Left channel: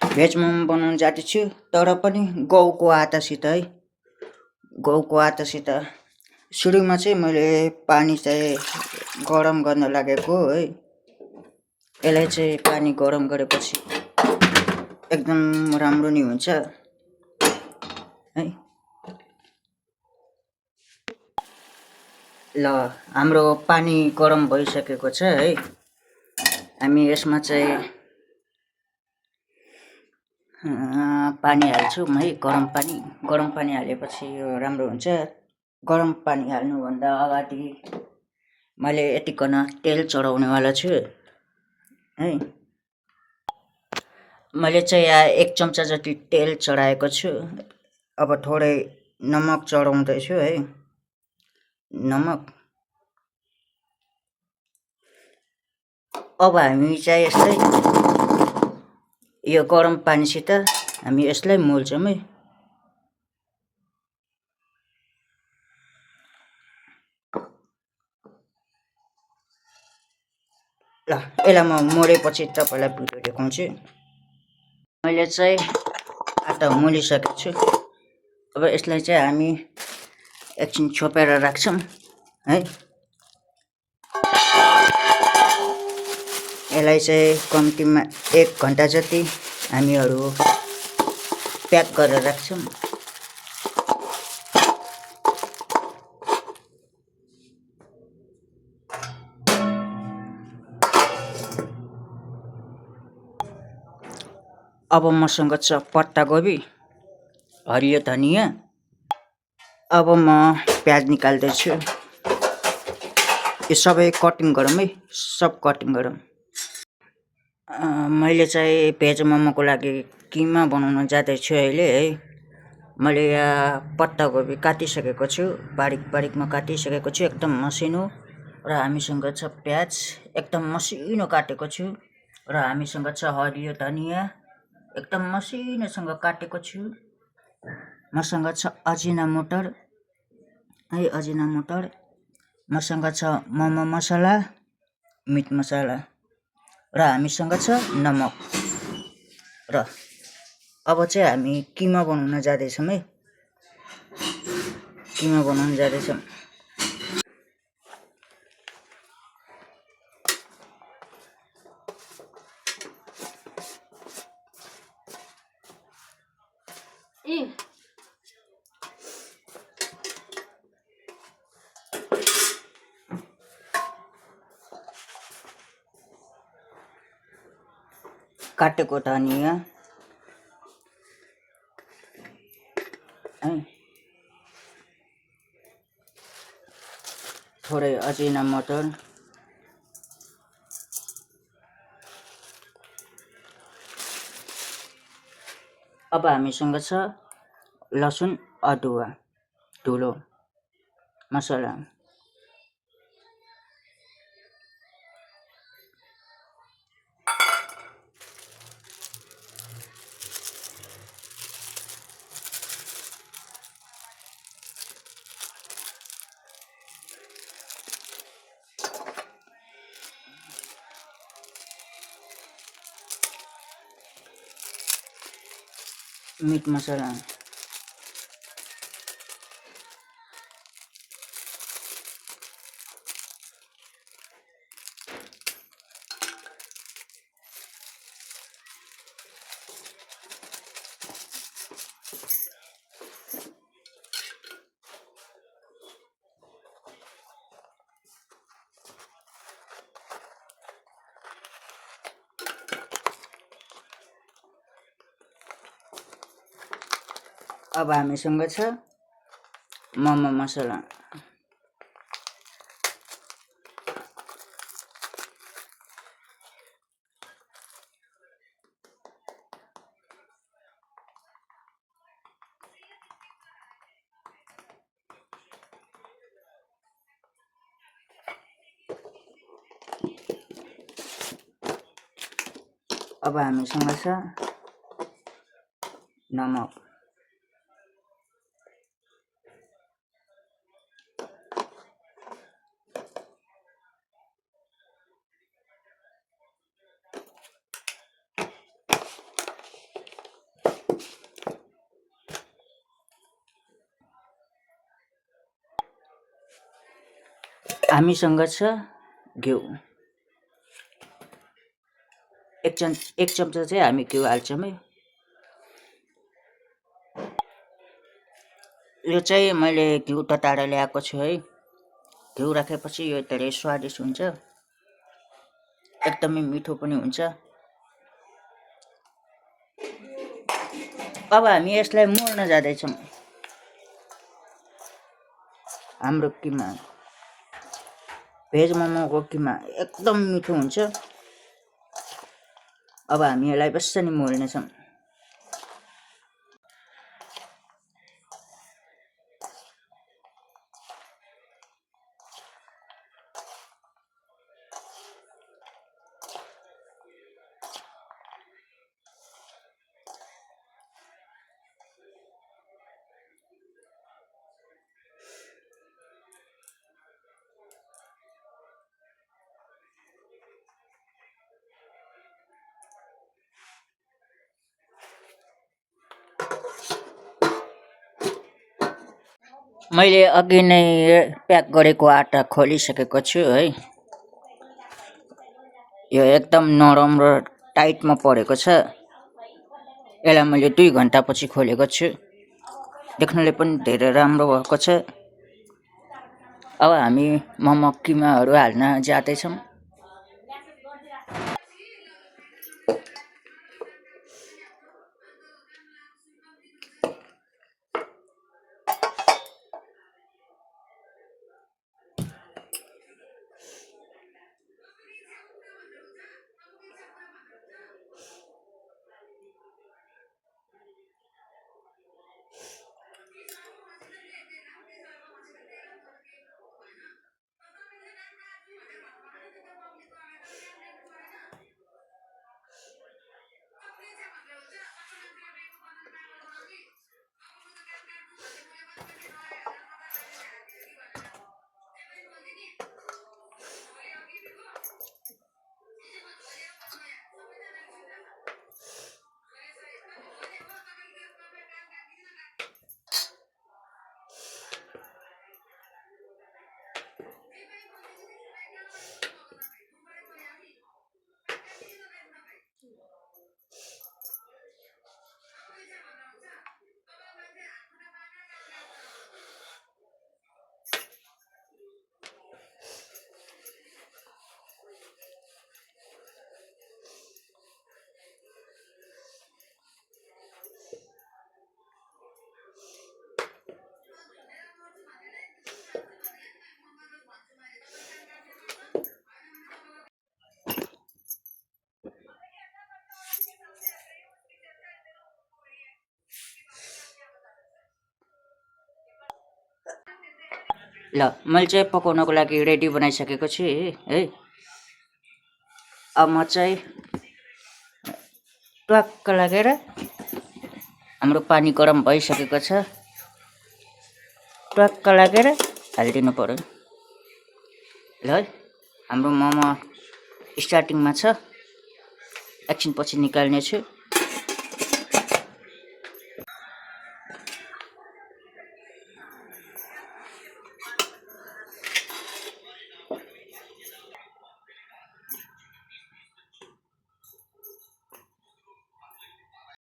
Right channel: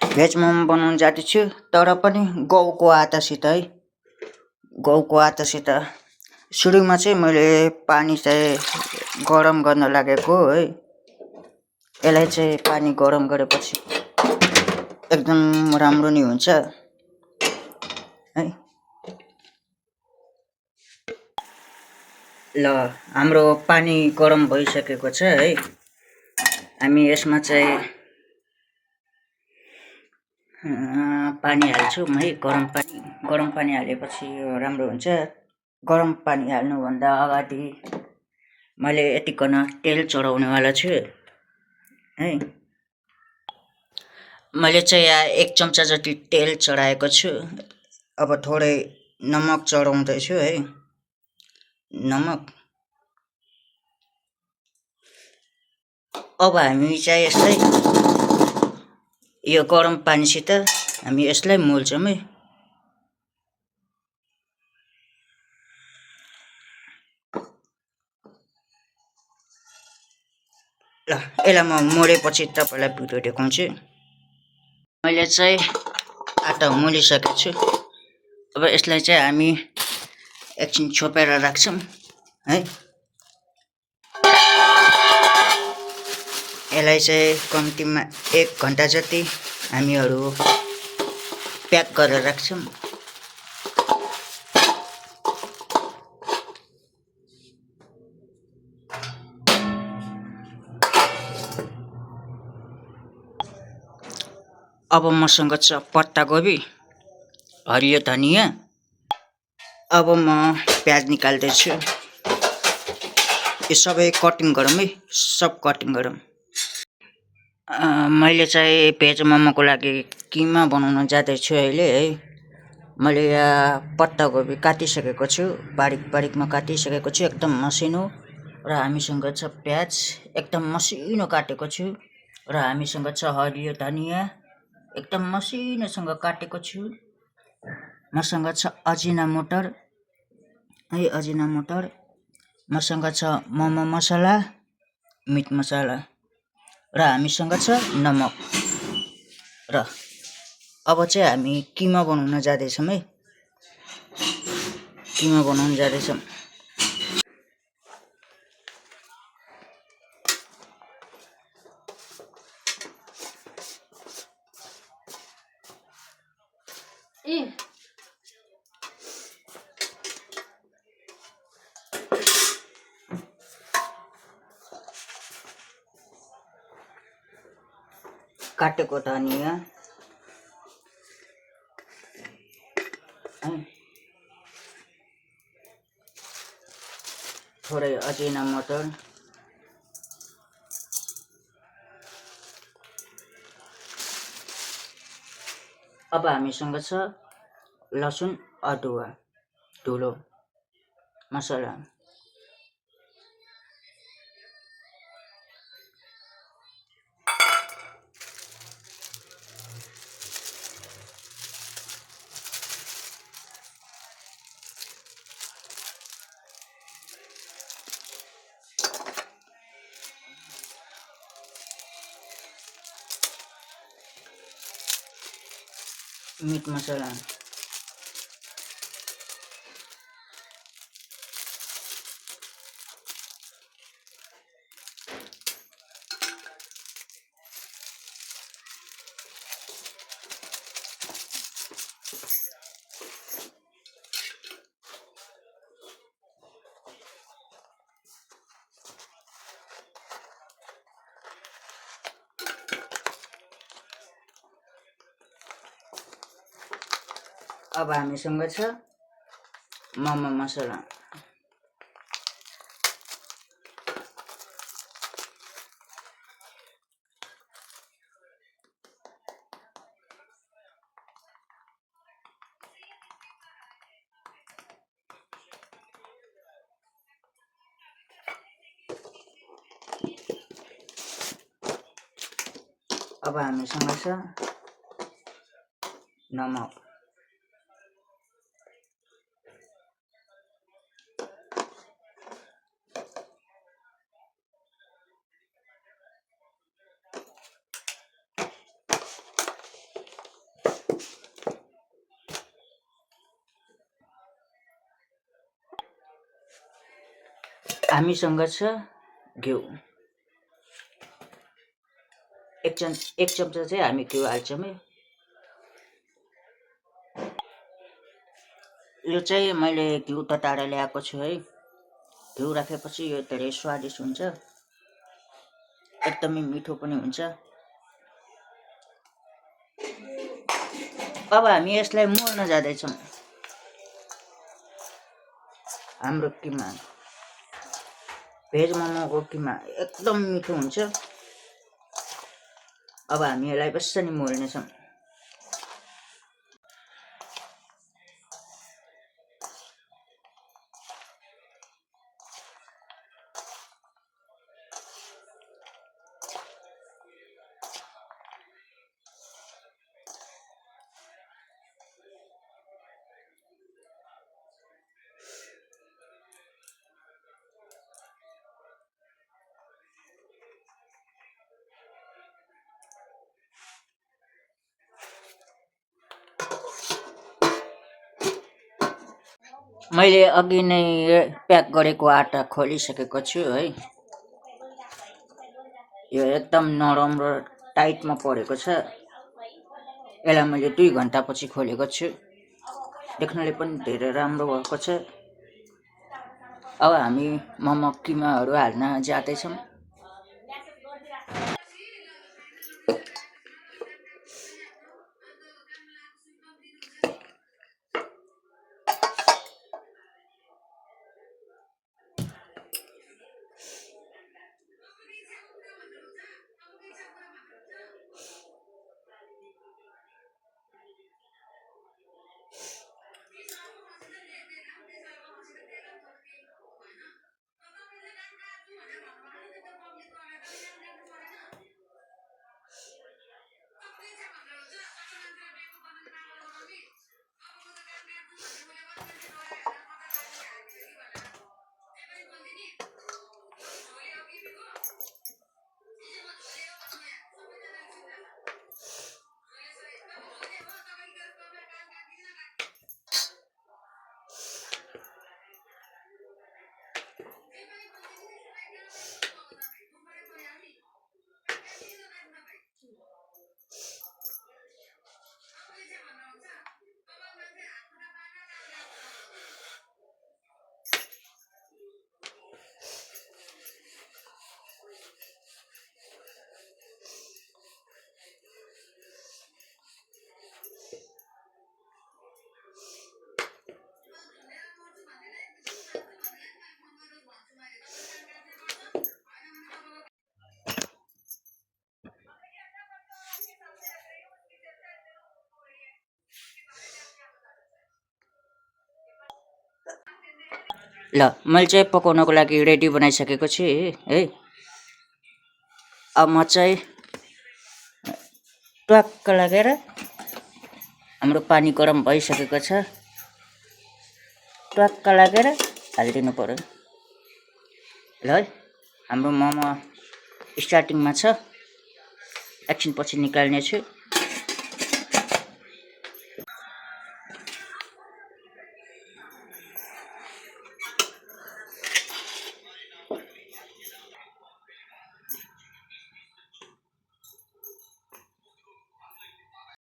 Veg momo बनाउन जाँदैछु, तर पनि गहुँको आटासित है। गहुँको आटासित सुरुमा चाहिँ मैले पानी चाहिँ गरम गर्न लागेको है। यसलाई चाहिँ पानी गरम गरेपछि एकदम राम्रो नि हुन्छ है। ल हाम्रो पानी गरम भइसकेको छ है। हामी यसमा चाहिँ पानी हाल्छौँ है। गरम पानी हालेपछि यो राम्रो हुन्छ। गरम पानी हाल्नुभन्दा अगाडि मैले यतिकन तेल चढाउनेवाला छु है। मैले चाहिँ यहाँ 1 चम्चा जति तेल चढाएको छु। अब थोरै नमक चढाउँदैछु है। नमक अब हामी चाहिँ यसलाई यो गरम पानीसित हामी यसलाई मोल्छौँ है। ल यसलाई म मोलेपछि तपाईँलाई भिडियो देखाउँछु। मैले चाहिँ आटा मोलिसकेको छु। अब यसलाई चाहिँ हामी एकछिन छोपेर राख्छौँ है। यसलाई चाहिँ कम्तीमा 1 घन्टा जति हामीहरू प्याक गरेर राख्छौँ। अब मसँग छ पत्तागोबी, हरियो धनिया। अब म प्याज निकाल्दैछु। यो सबै कटिङ गरौँ है, सब कटिङ गरौँ। मैले चाहिँ भेज मोमोको लागि किमा बनाउन जाँदैछु अहिले है। मैले यहाँ पत्तागोबी काटिसकेको छु, बारीक बारीकमा काटिसकेको छु एकदम मसिनो। र हामीसँग छ प्याज एकदम मसिनो काटेको छु। र हामीसँग छ हरियो धनिया एकदम मसिनोसँग काटेको छु। मसँग छ अजिनामोटर है, अजिनामोटर। मसँग छ मोमो मसला, मिट मसला। र हामीसँग छ नमक। र अब चाहिँ हामी किमा बनाउन जाँदैछौँ है। किमा बनाउन जाँदैछौँ। काटेको धनिया है, थोरै अजिनामोटर, अब हामीसँग छ लसुन अदुवा धुलो मसला। मिट मसला, अब हामीसँग छ मोमो मसला। अब हामीसँग छ नमक। हामीसँग छ घिउ। एक चम्चा चाहिँ हामी घिउ हाल्छौँ है। यो चाहिँ मैले घिउ तताएर ल्याएको छु है। घिउ राखेपछि यो धेरै स्वादिष्ट हुन्छ, एकदमै मिठो पनि हुन्छ। अब हामी यसलाई मोल्न जाँदैछौँ। हाम्रो किमा, भेज मोमोको किमा एकदम मिठो हुन्छ। अब हामी यसलाई बेसरी मोल्नेछौँ। मैले अघि नै प्याक गरेको आटा खोलिसकेको छु है। यो एकदम नरम र टाइटमा परेको छ। यसलाई मैले 2 घन्टापछि खोलेको छु। देख्नले पनि धेरै राम्रो भएको छ। अब हामी मोमो किमाहरू हाल्न जाँदैछौँ। ल मैले चाहिँ पकाउनको लागि रेडी बनाइसकेको छु है। अब म चाहिँ टक्क लागेर हाम्रो पानी गरम भइसकेको छ। टक्क लागेर हालिदिनु पर्यो। ल है, हाम्रो मोमो स्टार्टिङमा छ। एकछिनपछि निकाल्ने छु।